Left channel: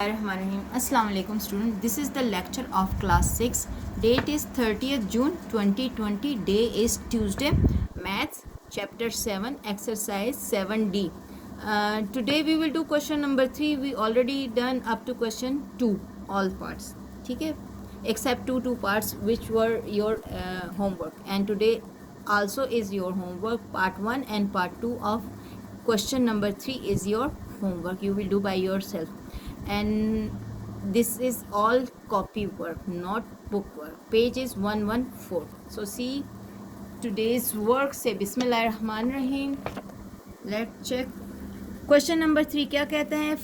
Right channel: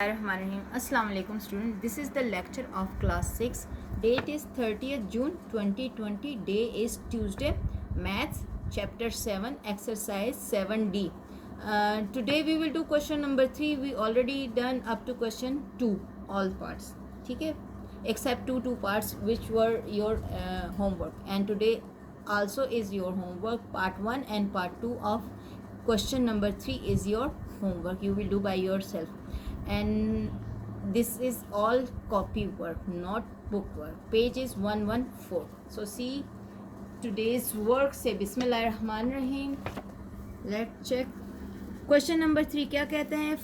Assalamu alaikum student. This is the lecture of class 6. Date is 30th June 2020. Day is Tuesday. Maths chapter 7 exercise 7D. Today we will do question number 3. We already done up to question 2 all parts. ठीक है, except two parts which were your homework, and today also is your homework. Part 1 and part 2 of question number 3 is your homework. You will do by yourself. And this is all copy work, not book work. Page is 114. So see today's work. Say Bismillahirrahmanirrahim. Let's check. Question number 3 क्या कहते हैं?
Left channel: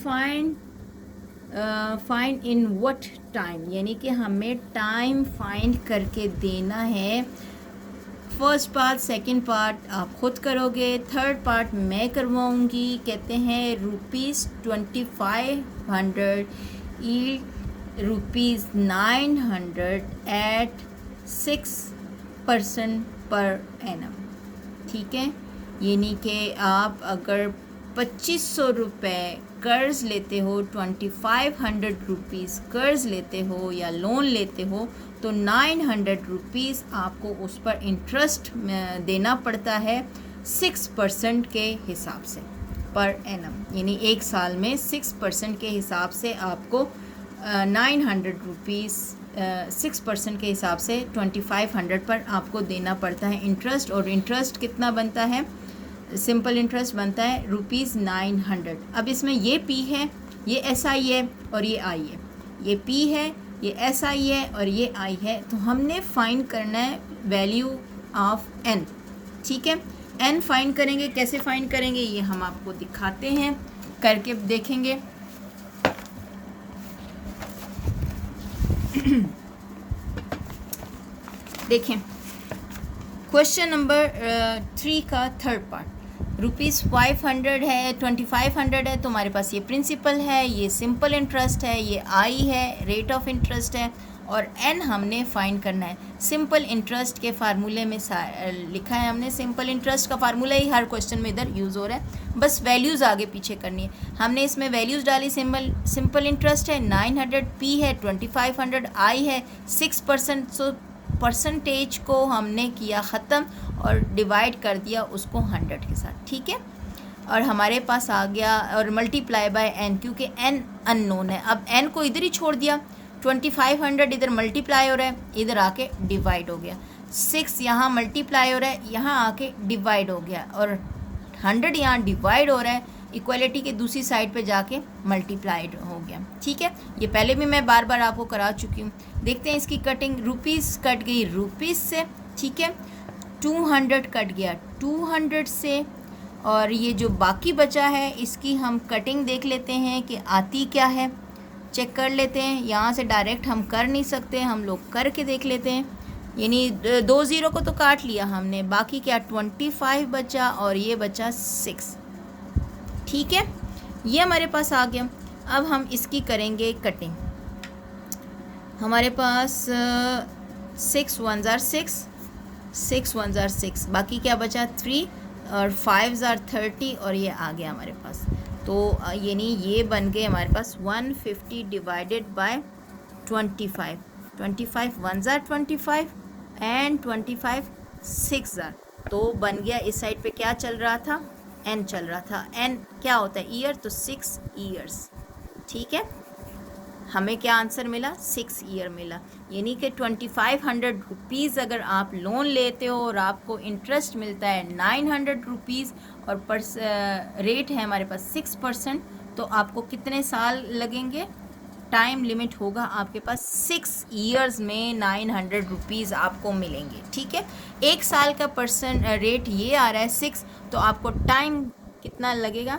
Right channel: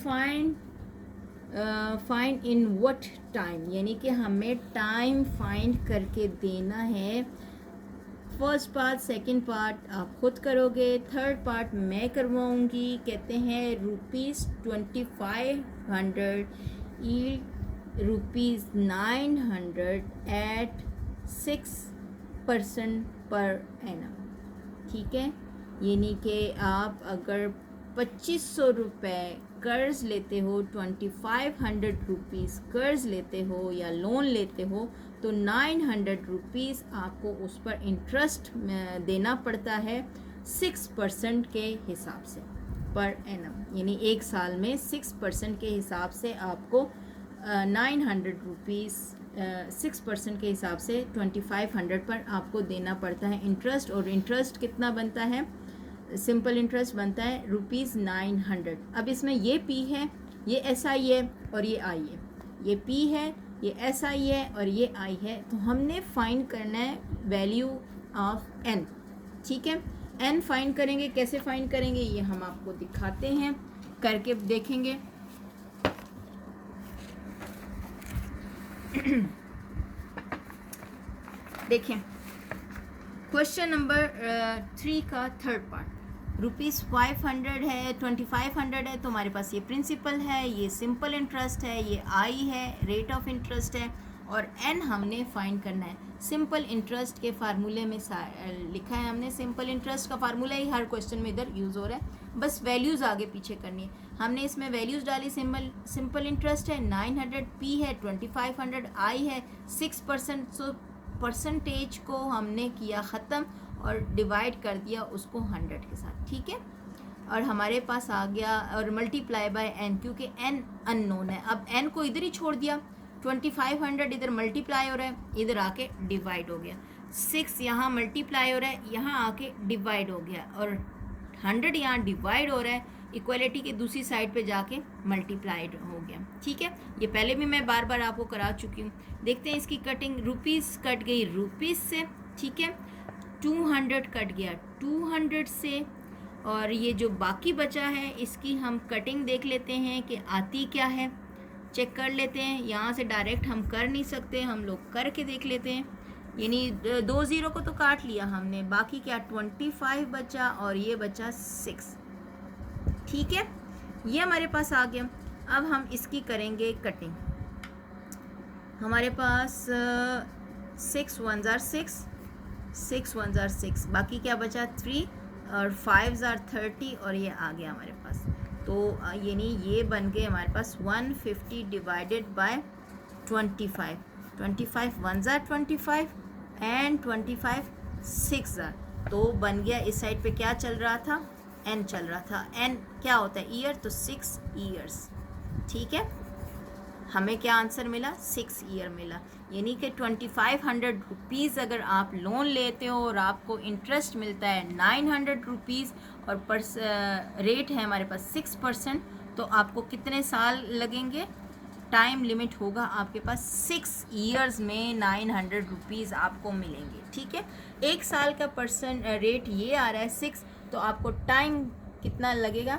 Find in what time, यानी कि हमें time find करके देना है. First part, second part आप खुद करोगे, थर्ड पार्ट मैं करवाऊंगी. कहते हैं ₹2500 ₹900 एट 6% पर एनम. ठीक है, यानी कि आप अगर 2500 रुपये कर्ज लेते हो, 2500 रुपीज़ कर्ज लेते हो या लोन लेते हो, तो 900 रुपीज़ आपको उस पर इंटरेस्ट देना पड़ता है 6% के हिसाब से पर एनम. यानी एक साल में 6% के हिसाब से आपको 900 रुपीज़ 6% के हिसाब से 2500 पर आपको देना पड़ता है इंटरेस्ट. और इंटरेस्ट कितना बनता है? सिंपल इंटरेस्ट बनता है ₹900. अब इसमें ये पी है, ये एस आई है और ये आई है. ये पी है, ये एस आई है और ये आई है. तो हमने फाइंड करना है वैल्यू ऑफ एन. ठीक है, एन फाइंड करेंगे. कैसे फाइंड करेंगे ये हम आपको दिखाते हैं, करके देखेंगे. देखें क्वेश्चन नंबर 3 का थर्ड पार्ट. ₹500 है, 2500 है, तो हमारे पास ये प्रिंसिपल है, ये सिंपल इंटरेस्ट है, ये आई है, रेट ऑफ इंटरेस्ट है, और एन हमने फाइंड करना है. सिंपल इंटरेस्ट के फार्मूले में लिखा है हमने. सिंपल इंटरेस्ट का फार्मूला ही हर क्वेश्चन में इधर यूज़ हो रहा है, बस वैल्यूज़ आगे पीछे करनी है. हमने इसमें वैल्यूज़ डाली. सिंपल इंटरेस्ट है 900, पी है 2500, आई है 6%. सो परसेंटेज को हमने किया ख़त्म और डिवाइड कर दिया उसको 100 के साथ. ठीक है, और हमारे पास आ गया और मल्टीप्लाई बाय एन, क्योंकि एन अननोन है. अब एन को इधर ही छोड़ दिया. 2500 इधर मल्टीप्लाई हो रहा है, इधर आके डिवाइड हो गया. 6 यहाँ मल्टीप्लाई हो रहा है, यहाँ आके डिवाइड हो गया, और 100 यहाँ डिवाइड हो रहा है, इक्वलिटी के दूसरी साइड पे जाके मल्टीप्लाइड हो गया. ठीक है, ये पहले भी मैं बार बार आपको करा चुकी हूँ. देखते हैं इसकी कटिंग. रुपीज़ कट गई रुपीज़ से. ठीक है, 200 कट गया 200 से, और ये जो बाकी बचा है इसकी हम कटिंग देख लेते हैं कि आती क्या है. चेक कर लेते हैं. यहाँ से डायरेक्ट हम कर नहीं सकते, हम लोग करके देख लेते हैं. यानी 2 ज़ीरो को तो काट लिया हमने, बाकी क्या 25 बचा और ये बचा 6. ठीक है, ये हमारे पास आ गया. अब हम इसकी करेंगे कटिंग. हमारे पास 6 1 ज़ार 6, 6 1 ज़ार 6, बाकी क्या बचा 3, और 5 ज़ार 30, और ये आ गया हमारे पास. तो यानी ये बन गए हमारे पास 150 डिवाइडेड बाय 25. 25 1 ज़ार 25 एंड 25 6 ज़ार. तो बन गया इस साइड पे क्या चल रहा था? एन चल रहा था. एन क्या होता है? ईयर. तो 6 ईयर्स. ठीक है, हमें क्या आंसर मिला? 6 ईयर मिला. यानी कि 2500 रुपीज़ अगर आप लोन लेते हो और आपको इंटरेस्ट मिलता है 900 रुपीज़, और रेट है हमारे पास 6%, तो आपको कितने साल लगेंगे? टाइम लिमिट होगा आपके पास 6 ईयर्स में 900 रुपीज़ आपको मिलेंगे. ठीक है, एक साल का रेट ये आ रहा है 6, तो आपको टाइम कितना लगेगा?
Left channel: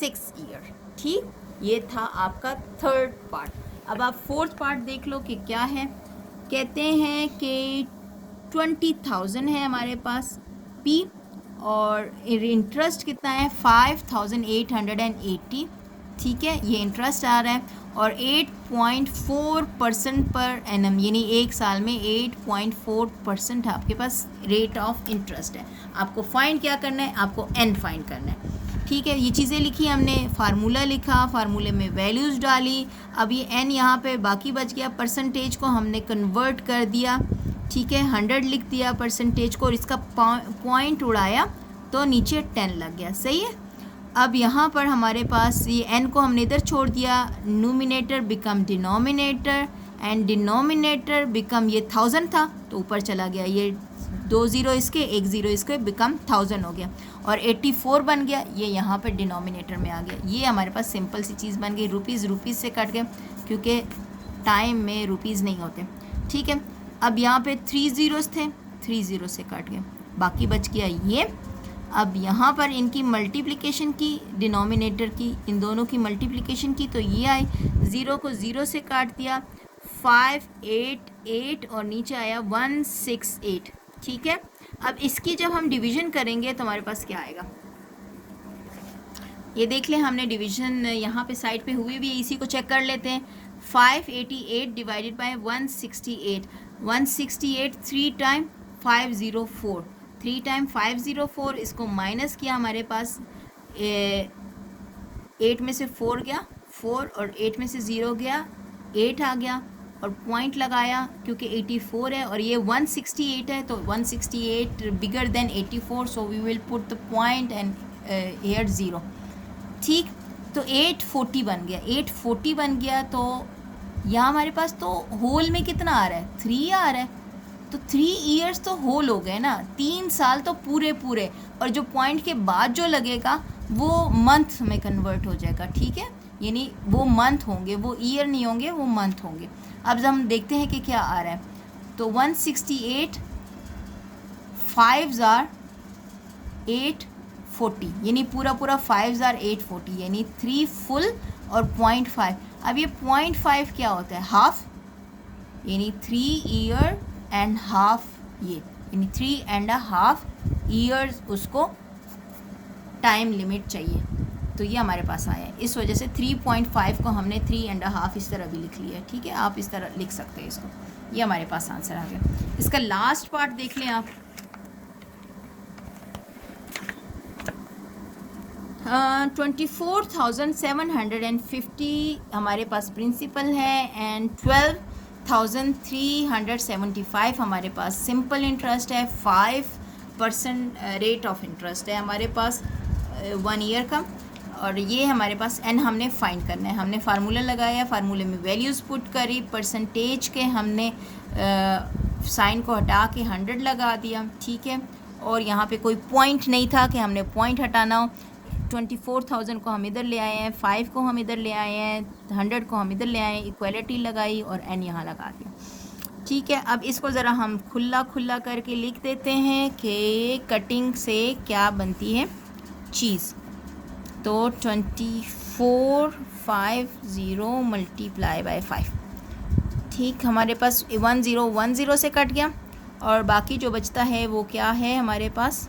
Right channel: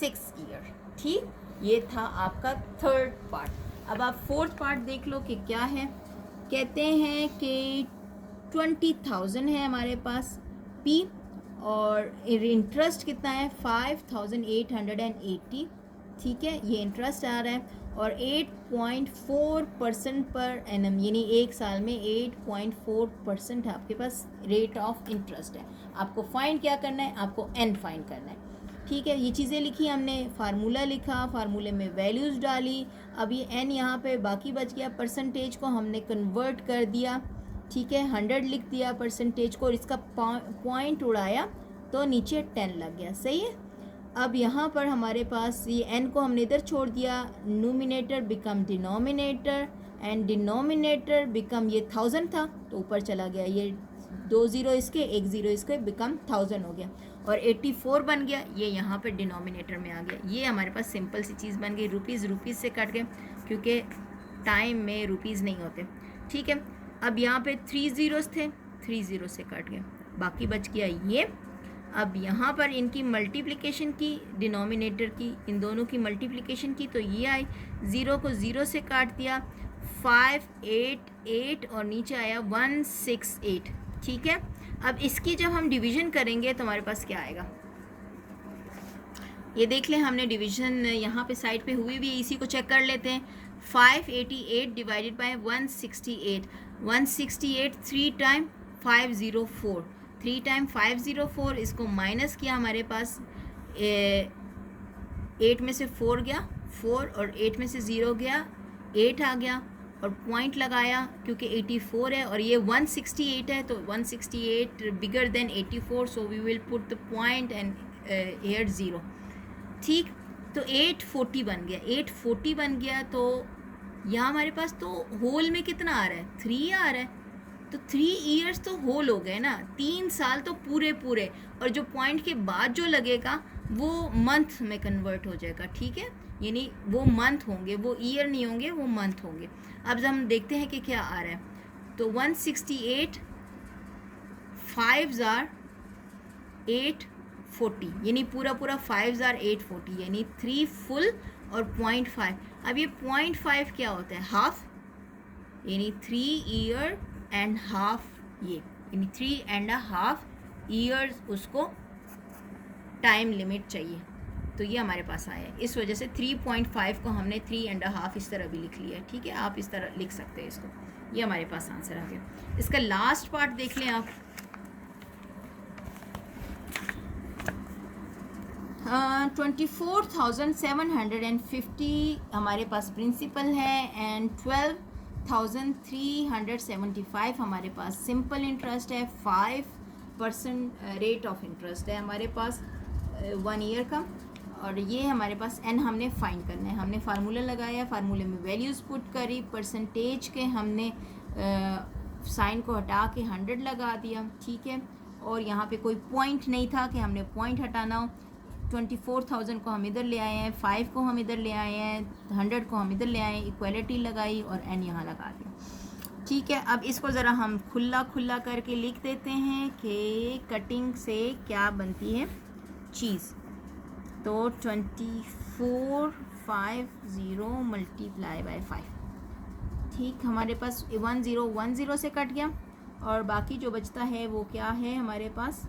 6 ईयर. ठीक, ये था आपका थर्ड पार्ट. अब आप फोर्थ पार्ट देख लो कि क्या है. कहते हैं कि 20,000 है हमारे पास पी, और इंटरेस्ट कितना है? 5880. ठीक है, ये इंटरेस्ट आ रहा है, और 8.4% पर एनम, यानी एक साल में 8.4% आपके पास रेट ऑफ इंटरेस्ट है. आपको फाइंड क्या करना है? आपको एन फाइंड करना है. ठीक है, ये चीज़ें लिखी हमने, फार्मूला लिखा, फार्मूले में वैल्यूज़ डाली। अब ये n यहाँ पे बाकी बच गया, परसेंटेज को हमने कन्वर्ट कर दिया, ठीक है, 100 लिख दिया परसेंटेज को, और इसका पॉइंट उड़ाया तो नीचे 10 लग गया, सही है। अब यहाँ पर हमारे पास ये n को हमने इधर छोड़ दिया, numerator become denominator and denominator become, ये 1000 था तो ऊपर चला गया, ये 2 0 इसके 1 0 इसके, बिकम 1000 हो गया, और 84 बन गया, ये यहाँ पर डिनोमिनेटर में आ गया। ये हमारे पास सिंपल सी चीज़ बन गई। रुपीज़ से कट गए क्योंकि टाइम में रुपीज़ नहीं होते, ठीक है। अब यहाँ पे 3 zeros थे, 3 0 से कट गए, बाकी बच गया ये। अब यहाँ पर इनकी मल्टीप्लिकेशन की, डिनोमिनेटर की, इन दोनों की मल्टीप्लिकेशन की, तो ये आई, 0 को 0 से काट दिया, 5 8 8 और नीचे आया 168, ठीक है। अब इसकी जब हम डिवीज़न करेंगे तो हमारे पास क्या आएगा, ये देख लें, हमने डिवीज़न यहाँ पे साइड पे हुई भी, इसी को चेक कर लेते हैं। 588 डिवाइडेड बाय 168, 168 3 टाइम 504, 3 टाइम 504, इसको माइनस किया, हमारे पास 8 में से 4 गया 4, और 8 में से 0 गया 8 आ गया, और पॉइंट लगाया क्योंकि 84 है और ये 168 है, तो 168 bigger than 84, so we will put the point and here 0, ठीक। तो 840 बन गया, 840 बन गया, तो यहाँ हमारे पास तो होल में कितना आ रहा है, 3 आ रहा है, तो 3 ईयर्स तो होल हो गए ना, 3 साल तो पूरे पूरे, और जो पॉइंट के बाद जो लगेगा वो मंथ में कन्वर्ट हो जाएगा, ठीक है, यानी वो मंथ होंगे, वो ईयर नहीं होंगे, वो मंथ होंगे। अब हम देखते हैं कि क्या आ रहा है, तो 168 5 840, यानी पूरा 5 840, यानी 3 फुल और 0.5। अब ये 0.5 क्या होता है, हाफ, यानी 3 ईयर एंड हाफ, ये यानी 3.5 ईयर्स उसको टाइम लिमिट चाहिए, तो ये हमारे पास आया है। इस वजह से 3.5 को हमने 3.5 इस तरह भी लिख लिया है, ठीक है, आप इस तरह लिख सकते हैं इसको, ये हमारे पास आंसर आ गया। इसका लास्ट पार्ट देख लें आप, 24,750 हमारे पास प्रिंसिपल है एंड 12,375 हमारे पास सिंपल इंटरेस्ट है, 5% रेट ऑफ इंटरेस्ट है हमारे पास 1 ईयर का, और ये हमारे पास एन हमने फाइंड करना है। हमने फार्मूला लगाया, फार्मूले में वैल्यूज़ पुट करी, परसेंटेज के हमने साइन को हटा के 100 लगा दिया, ठीक है, और यहाँ पे कोई पॉइंट नहीं था कि हमने पॉइंट हटाना हो। 24,000 को हम इधर ले आए हैं, 5 को हम इधर ले आए हैं, 100 को हम इधर ले आए हैं, इक्वलिटी लगाई और एन यहाँ लगा दिया, ठीक है। अब इसको ज़रा हम खुला करके लिख देते हैं कि कटिंग से क्या बनती है चीज़, तो 2450 मल्टीप्लाई बाय 5, ठीक, हमारे पास 1010 से कट गया, और बाकी जो बचता है वो क्या है हमारे पास,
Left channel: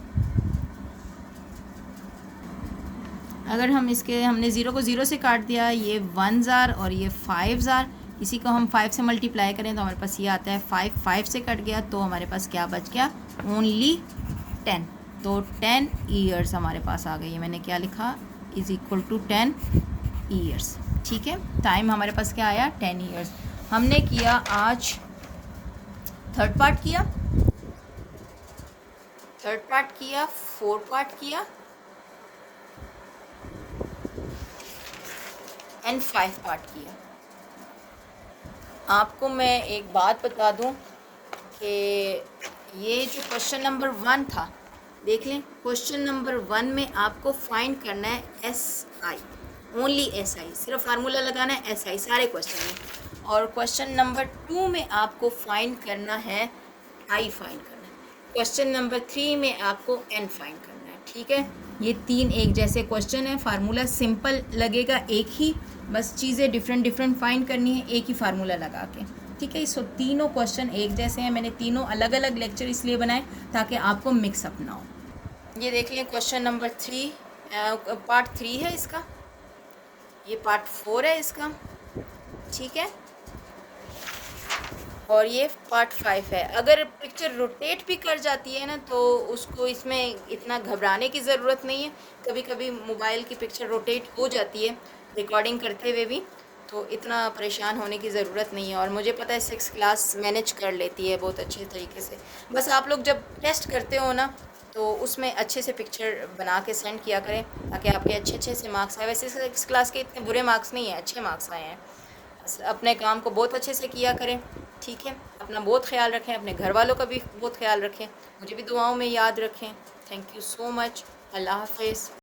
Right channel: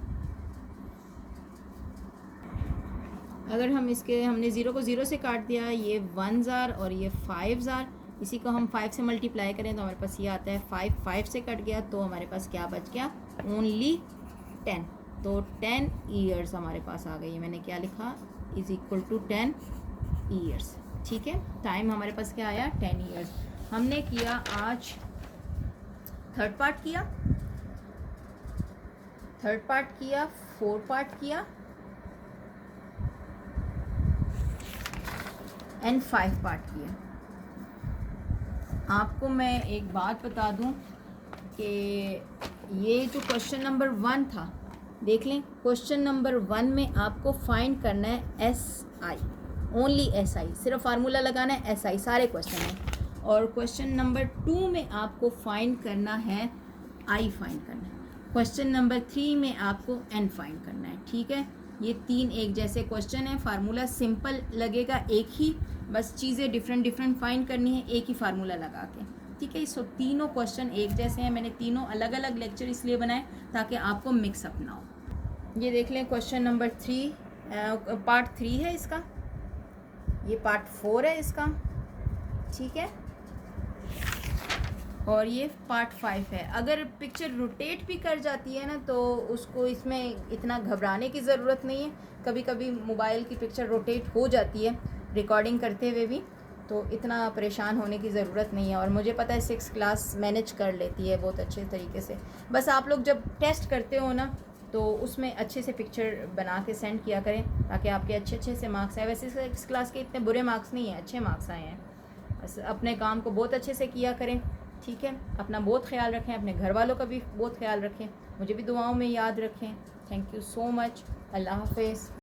अगर हम इसके, हमने 0 को 0 से काट दिया, ये 1000 और ये 5000, इसी को हम 5 से मल्टीप्लाई करें तो हमारे पास ये आता है 5 से कट गया, तो हमारे पास क्या बच गया, ओनली 10, तो 10 ईयर्स हमारे पास आ गई है। मैंने क्या लिखा, इज़ इक्वल टू 10 ईयर्स, ठीक है। टाइम हमारे पास क्या आया, 10 ईयर्स। हमने किया आज थर्ड पार्ट किया, 4 पार्ट किया एंड 5 पार्ट किया। आपको मैं एक बात बता दूं कि ये जो क्वेश्चन नंबर 1 था, देख लें, क्वेश्चन नंबर 1 में आपको फाइंड करना है SI, ओनली SI, सिर्फ फार्मूला लगाना है SI सारे क्वेश्चन में, और क्वेश्चन नंबर 2 में आपको फाइंड करना है I फाइंड करना है, क्वेश्चन नंबर 3 में आपको N फाइंड करना है, ठीक है। ये 3 एक जैसे क्वेश्चन है, फार्मूला सिंपल लगेगा एक ही, बस चीज़ें डिफरेंट फाइंड करनी है एक ही फार्मूला लगा के, ठीक है। सो तीनों क्वेश्चन एक जैसे हैं, मैंने तीनों अलग अलग लेक्चर इसलिए बनाए ताकि आपको मिक्सअप ना हो। ये देख लें, क्वेश्चन नंबर 3 पार्ट 3 है इसका, ये पार्ट 4 है इसका, ठीक है। और ये पार्ट 5 है। अगर पिक्चर रोटेट भी कर जाती है ना तो उसको इसमें इतना घबराने की ज़रूरत नहीं है। कभी कभी मोबाइल की पिक्चर रोटेट हो जाती है रिकॉर्डिंग करते हुए भी, तो इतना परेशान होने की ज़रूरत नहीं है। और मुझे पता है 6 क्लास मैनेज कर लेती है बहुत अच्छे तरीके से। बस आप लोग जब टेस्ट करते हो ना तो उसमें अच्छे से पिक्चर बना के सेंड किया करें ताकि आपके अच्छे से मार्क्स आए। वैसे 6 क्लास के इतने बुरे मार्क्स नहीं हैं, अच्छे मार्क्स आए हैं। बस अपने काम को बहुत अच्छे से किया करें, ठीक है। अपना बहुत ख्याल रखें, अपने घर वालों का भी बहुत ख्याल रखें, मुझे भी दुआओं में याद रखें। Thank you so much. अल्लाह हाफिज़।